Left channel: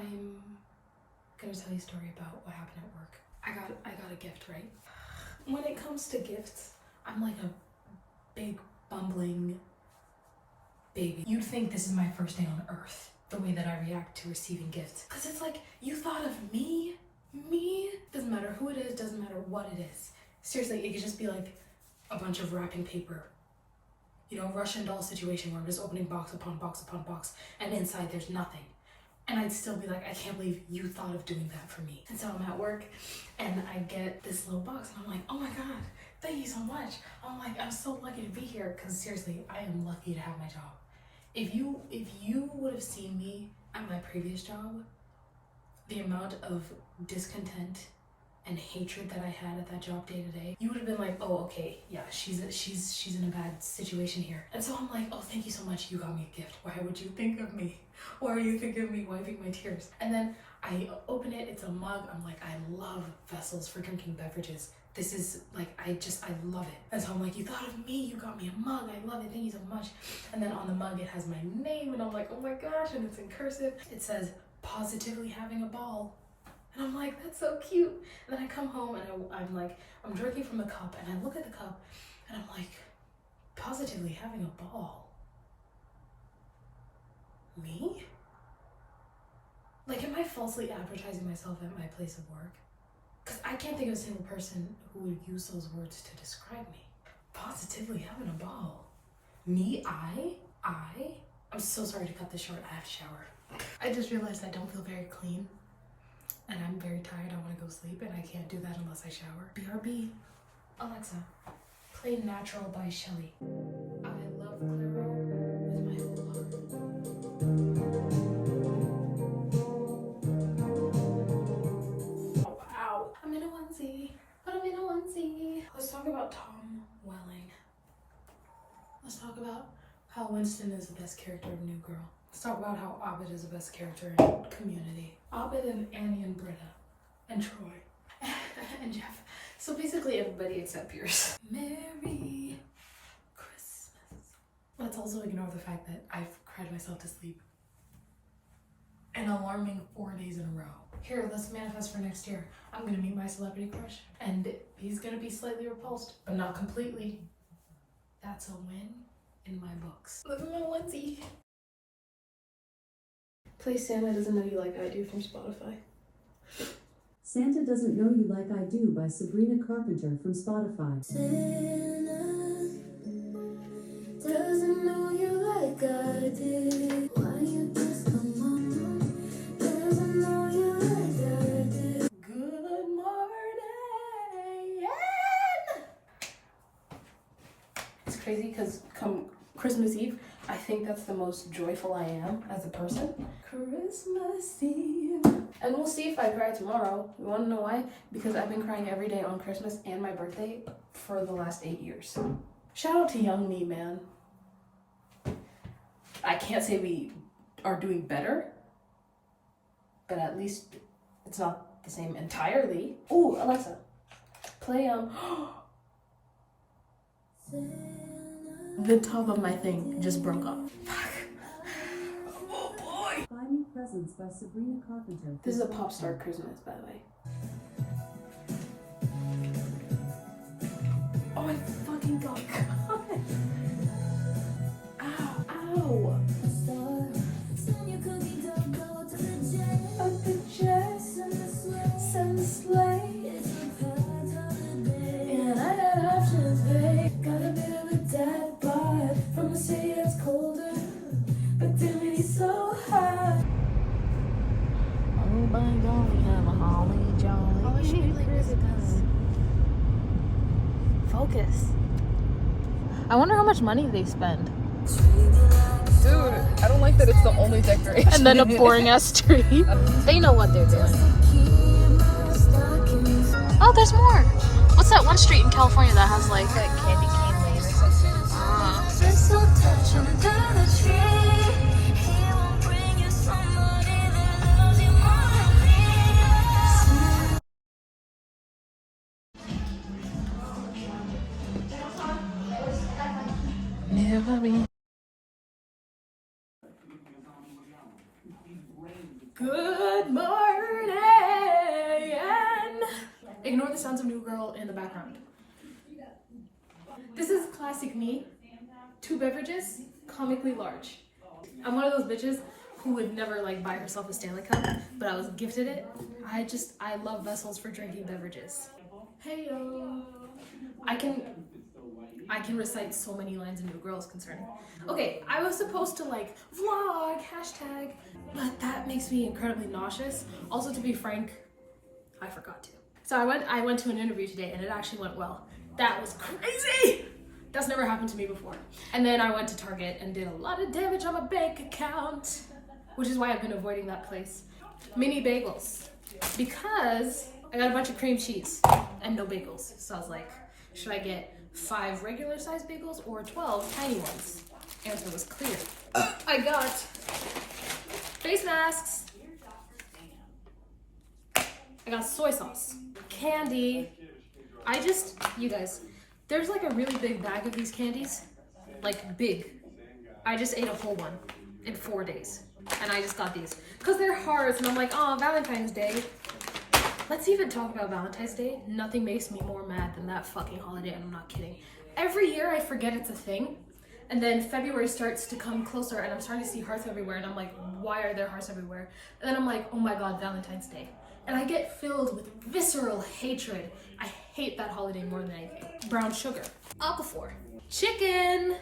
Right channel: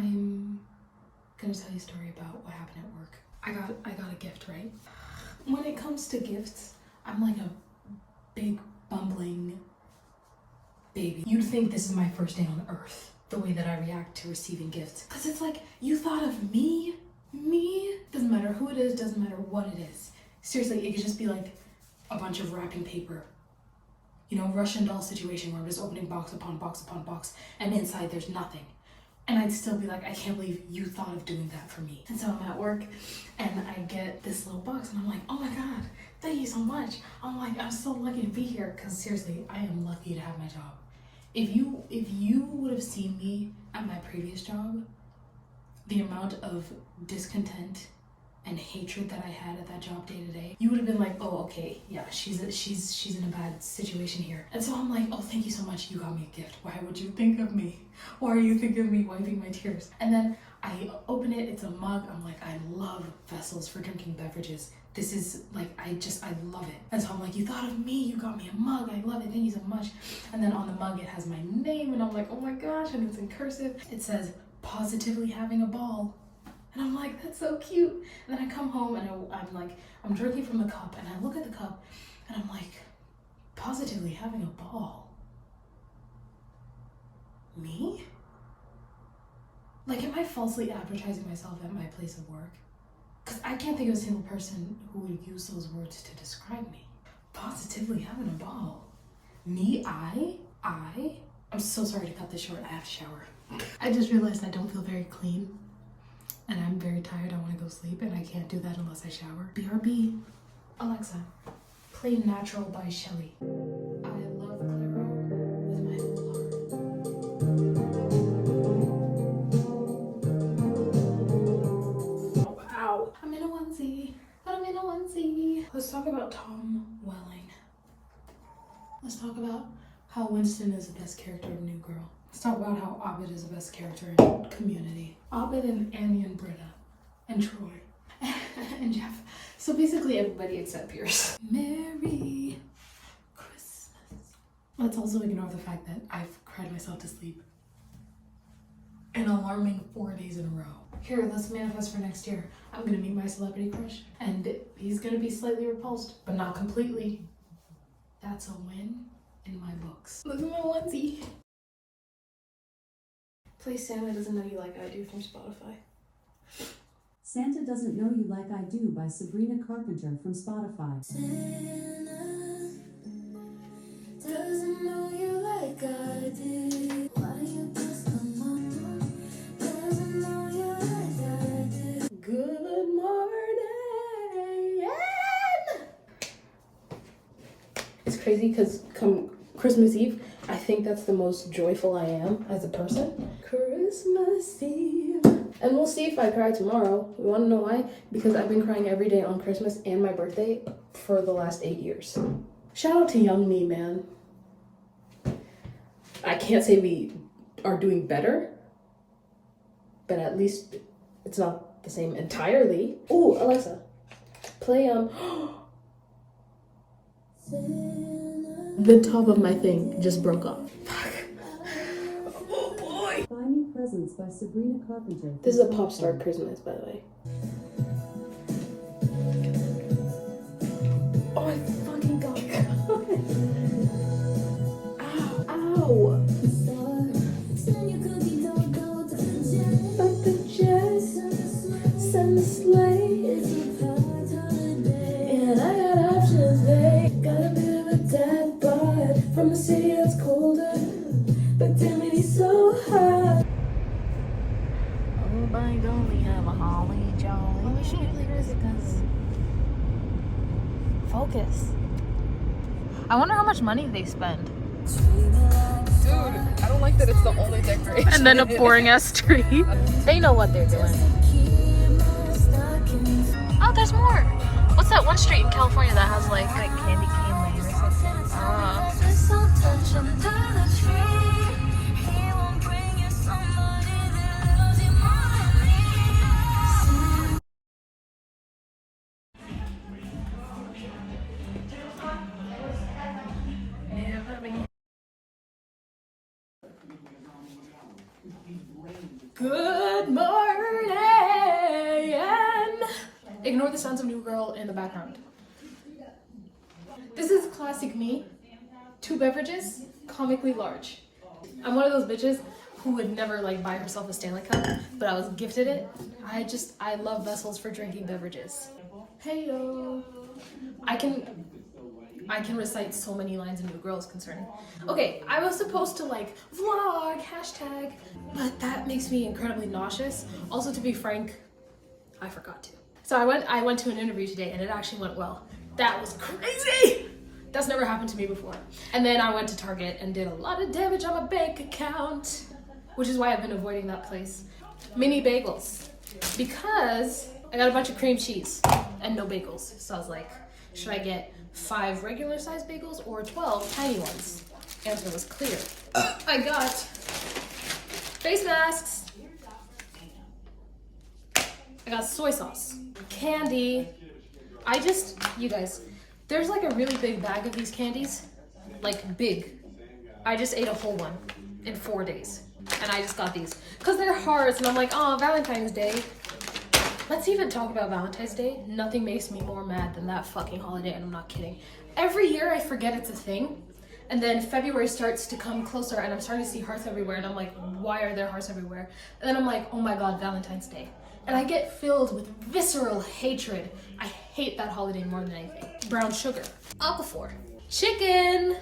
I'm gonna tell you a story about what happened at work. I got a gift, right? When it comes to gifts, I'm like a big bumbling baby. You'd think this is my first day on earth, the way that I react to receiving gifts. Cause it's like, you thought of me? Me? Doesn't matter who it is, doesn't matter what it is. Seriously, it could just be like a bunch of wrapping paper. You know, Russian doll situation where I'm just opening box upon box upon box and inside there's nothing. And I'd still be like, I can't believe you thought of doing that for me. And so I'm at work and I get this little box and I'm like, oh my God, thank you so much. I'm like, I'm so lucky to be here. Cause seriously, I am lucky to have my job. If you would have seen me at my previous job, the amount of discontent and hatred that I had at that job day to day, you would have been like, oh, okay, yeah, she's in a bad situation here. And so I'm like, oh, thank you so much, you got me a gift. Why would you think of me? Why are you thinking of me wiping my tears? And then I open it, it's a mug. I'm like, I love vessels for drinking beverages. This is like, I love it. And so I'm like, you thought of me, you got me a mug, I love it, thank you so much. And then on the mug, it has my name and I'm like, oh my gosh, and it's in cursive. It says, positively having a ball. And I'm like, that's so cute. And then I come home and I'm drinking from the cup and I look at the cup and I'm like, positively having a ball. Me? Like, am I falsely advertising myself at my place of work? Because I can't think of a single person who would use those words to describe me. Positively having a ball. Me? I'm so sorry to cut this short. I have to shower. I just realized I don't feel very clean. And I'm very tired. I want to go sleep and I can't do that unless I shower. BRB. Alexa, play Natural by Shelly. I love Clara with my whole heart. Oh, wow. I'm in a onesie. Let's talk about Tom Welling. Let's talk about how Winston is the best character of New Girl. Let's talk about how Abed is the best character in Community. Abed and Annie and Britta and Troy and Jeff. So basically everybody except Pierce. Merry Christmas. Let's also ignore the fact that I've cried myself to sleep an alarming 4 days in a row. Here, let's manifest for next year. I'm gonna meet my celebrity crush and he's gonna be slightly repulsed, but not completely. That's a win in my books. Look at my onesie. Play Santa Doesn't Know You Like I Do from Spotify. Santa Doesn't Know You Like I Do by Sabrina Carpenter from Spotify. Santa doesn't know you like I do. Why you just come on? Doesn't know you like I do. Good morning. It's crazy because come Christmas Eve, I think that's the most joyful I am as a person. Christmas Eve. And we'll see if I cry tomorrow. You want to know why? Because I've been crying every day on Christmas and my birthday for the last 8 years. Shout out to young me, man. I can't say we are doing better, but at least it's not the same entirely. Ooh, Alexa, play the top of my thing just broke off. Oh boy. Buy Me Presents by Sabrina Carpenter. This is a pop star Christmas, by the way. Oh my fucking god. Ow, ow. But the jazz, Santa sleigh. And I got options, babe. Got a bit of a dad bod from a city that's colder, but damn it, he's so hot. Everybody gonna have a holly jolly. Oh, we should do like this. Focus. I wonder how much money they spend. Dude, I don't like that it's the only decoration. And then a boring ass tree. They know what they're doing. Oh, there's more. What's that one street in California that has like Candy cane lane or something. ah. Good morning. Ignore the sounds of New Girl in the background. This is classic me. 2 beverages, comically large. I'm one of those bitches who would never like buy herself a Stanley Cup, but I was gifted it. I love vessels for drinking beverages. Hey yo. I can recite so many lines in New Girl is concerned. Okay, I was supposed to like vlog, hashtag, but that makes me incredibly nauseous. Also, to be frank, I forgot to. So I went to an interview today and it actually went well. That was crazy! That's never happened to me before. And then I went to Target and did a lot of damage on my bank account, which is why I've been avoiding that place. Mini bagels, because I got a bunch of cream cheese and no bagels. So I was like, should I get 5 regular size bagels or 12 tiny ones? Answer was clear. I got face masks. I got soy sauce, candy. You guys, there's like a really big bag of these candies, like big. I just ate a whole one in 4 days. And I just got these because they're hearts and I'm like, oh, Valentine's Day. Let's even talk about Valentine's Day. Nothing makes me more mad than that fucking holiday, and I'm not kidding. Every year I forget it's a thing, and then February starts to come closer and I'm starting to see hearts everywhere and I'm like, why are there hearts everywhere? And then I'm like, oh my god, Valentine's Day. And I get filled with visceral hatred. I hate that holiday more than anything. Brown sugar, aquaphor, chicken.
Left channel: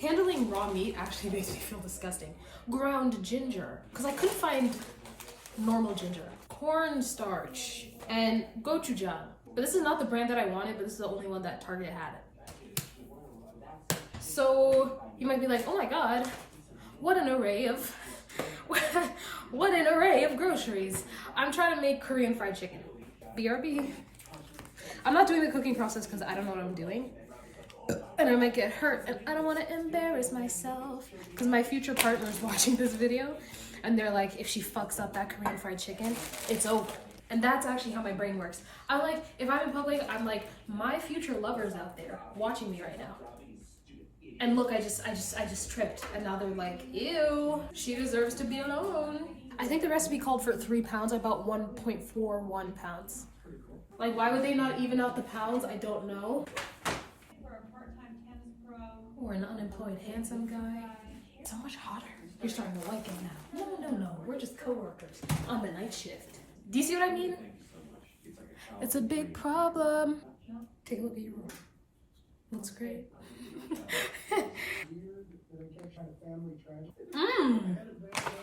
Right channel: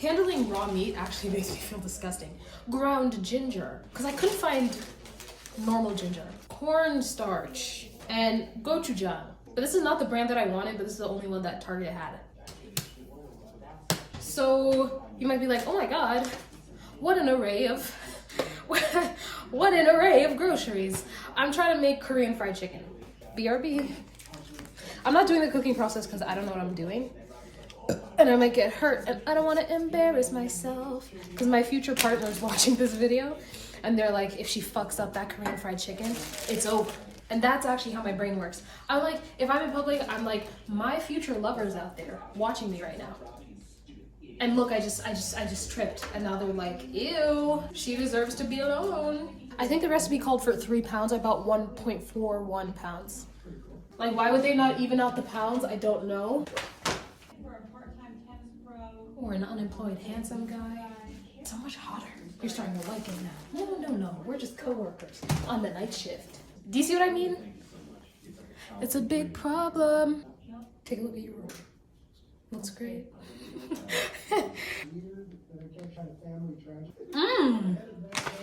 Handling raw meat actually makes me feel disgusting. Ground ginger, because I couldn't find normal ginger. Cornstarch and gochujang. But this is not the brand that I wanted, but this is the only one that Target had. So you might be like, oh my god, what an array of groceries. I'm trying to make Korean fried chicken. BRB. I'm not doing the cooking process because I don't know what I'm doing. And I might get hurt and I don't want to embarrass myself because my future partner is watching this video and they're like, if she fucks up that Korean fried chicken, it's over. And that's actually how my brain works. I'm like, if I'm in public, I'm like, my future lover's out there watching me right now. And look, I just tripped and now they're like, ew, she deserves to be alone. I think the recipe called for 3 pounds. I bought 1.41 pounds. Like, why would they not even out the pounds? I don't know. Or an unemployed handsome guy. It's so much hotter. You're starting to like it now. No. We're just co-workers on the night shift. Do you see what I mean? It's a big problem. Take a look at your room. Looks great.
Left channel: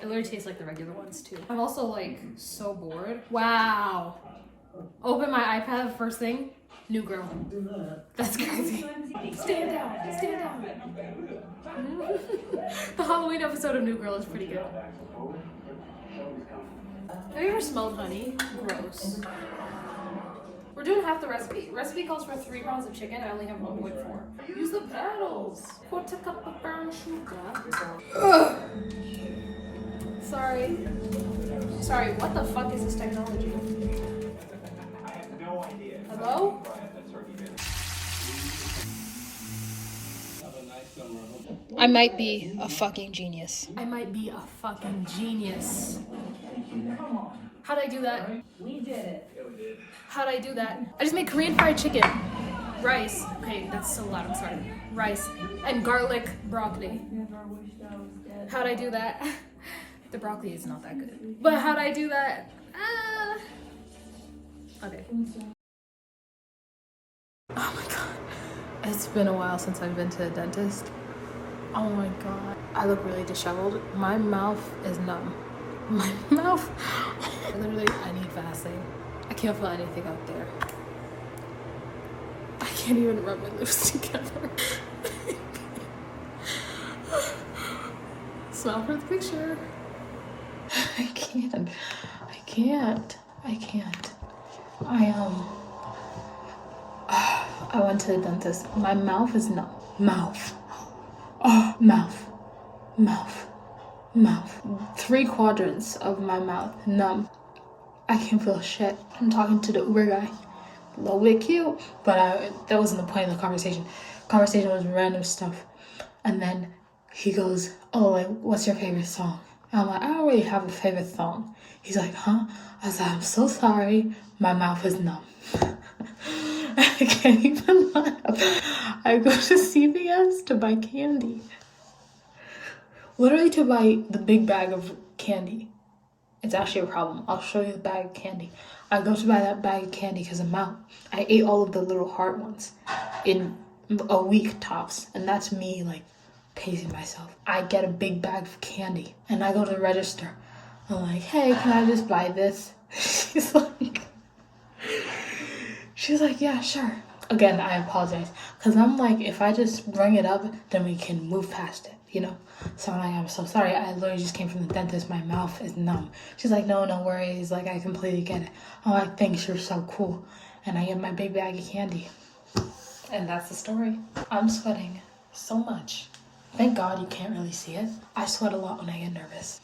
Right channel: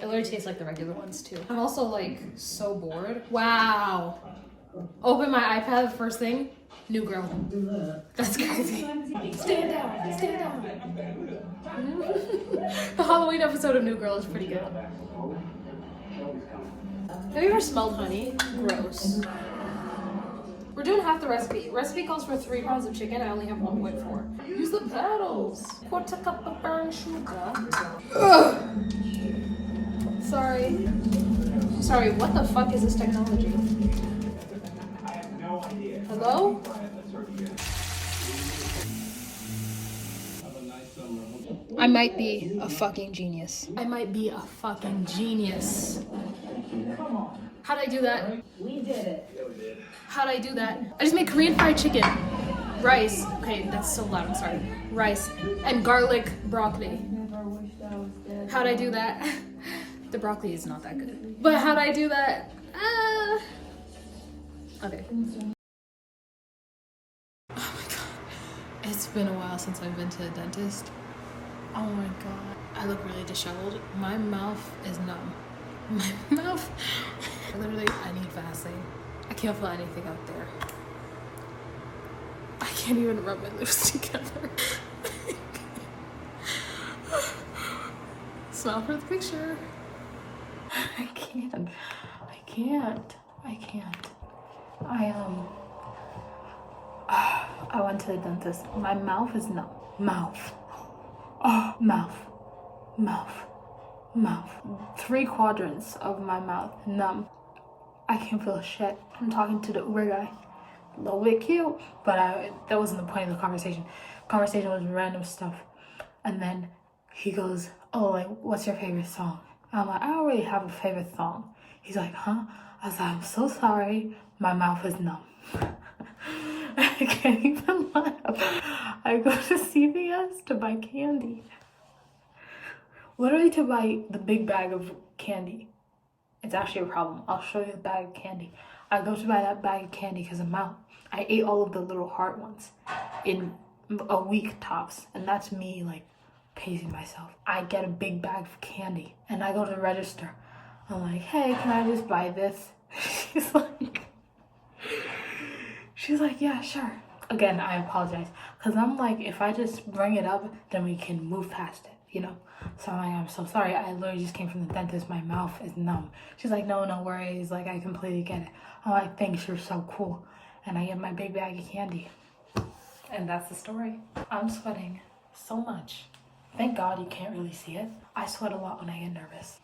It literally tastes like the regular ones too. I'm also like so bored. Wow. Open my iPad first thing. New Girl. That's crazy. Stand down. The Halloween episode of New Girl is pretty good. Have you ever smelled honey? Gross. We're doing half the recipe. Recipe calls for 3 pounds of chicken. I only have 1.4. Use the paddles. 1/4 cup of brown sugar. Ugh. Sorry, what the fuck is this technology? Hello? I might be a fucking genius. How'd I do that? We did it. How'd I do that? I just made Korean fried chicken. Rice. Okay, that's so loud, I'm sorry. Rice and garlic broccoli. How'd I do that? The broccoli is not that good. But how'd I do that? Okay. Oh my god. It's been a while since I've been to a dentist. Oh my god. I look really disheveled. My mouth is numb. My mouth. I need Vaseline. I can't feel anything out there. I can't even rub my lips together. Smile for the picture. I can't. I went to the dentist. My mouth is numb. Mouth. 3 quadrants of my mouth numb. I can't feel shit. I'm talking to the Uber guy. A little bit cute, but that wasn't the point of the conversation. Conversation was random stuff. And then he goes, oh, like, what's your favorite song? I'm like, I don't really have a favorite song. He's like, huh? I was like, I'm so sorry. My mouth is numb. I can't even laugh. I go to CVS to buy candy. Literally to buy the big bag of candy. It's actually a problem. I'll show you the bag of candy. I go to buy that bag of candy because I'm out. I ate all of the little heart ones in a week tops. And that's me, like, pacing myself. I get a big bag of candy and I go to the register. I'm like, hey, can I just buy this? She's like, yeah, sure. Again, I apologize. Because I'm like, if I just bring it up, then we can move past it, you know? So I'm like, I'm so sorry. I literally just came from the dentist. My mouth is numb. She's like, no worries. Like, I completely get it. I'm like, thanks, you're so cool. And I get my big bag of candy. And that's the story. I'm sweating so much. Thank God you can't really see it. I sweat a lot when I get nervous.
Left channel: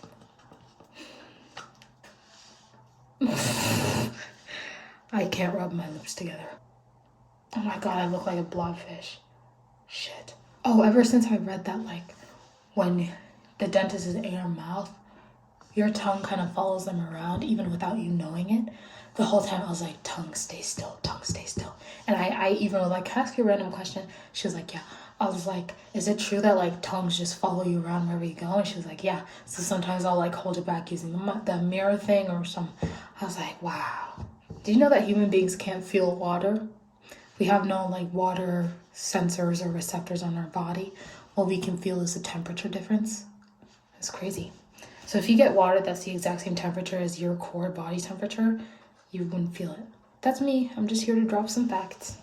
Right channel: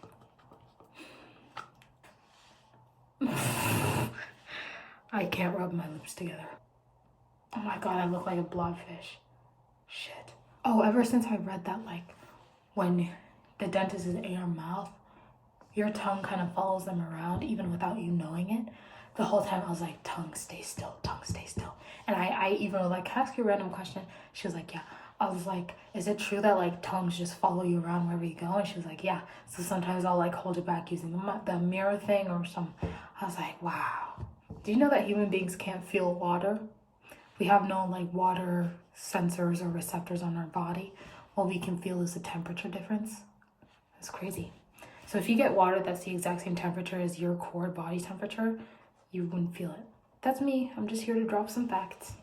I can't rub my lips together. Oh my God, I look like a blobfish. Shit. Oh, ever since I read that, like, when the dentist is in your mouth, your tongue kind of follows them around even without you knowing it. The whole time I was like, tongue stay still, tongue stay still. And I even was like, can I ask you a random question? She was like, yeah. I was like, is it true that like tongues just follow you around wherever you go? And she was like, yeah. So sometimes I'll like hold it back using the mirror thing or some. I was like, wow. Do you know that human beings can't feel water? We have no like water sensors or receptors on our body. All we can feel is the temperature difference. It's crazy. So if you get water that's the exact same temperature as your core body temperature, you wouldn't feel it. That's me. I'm just here to drop some facts.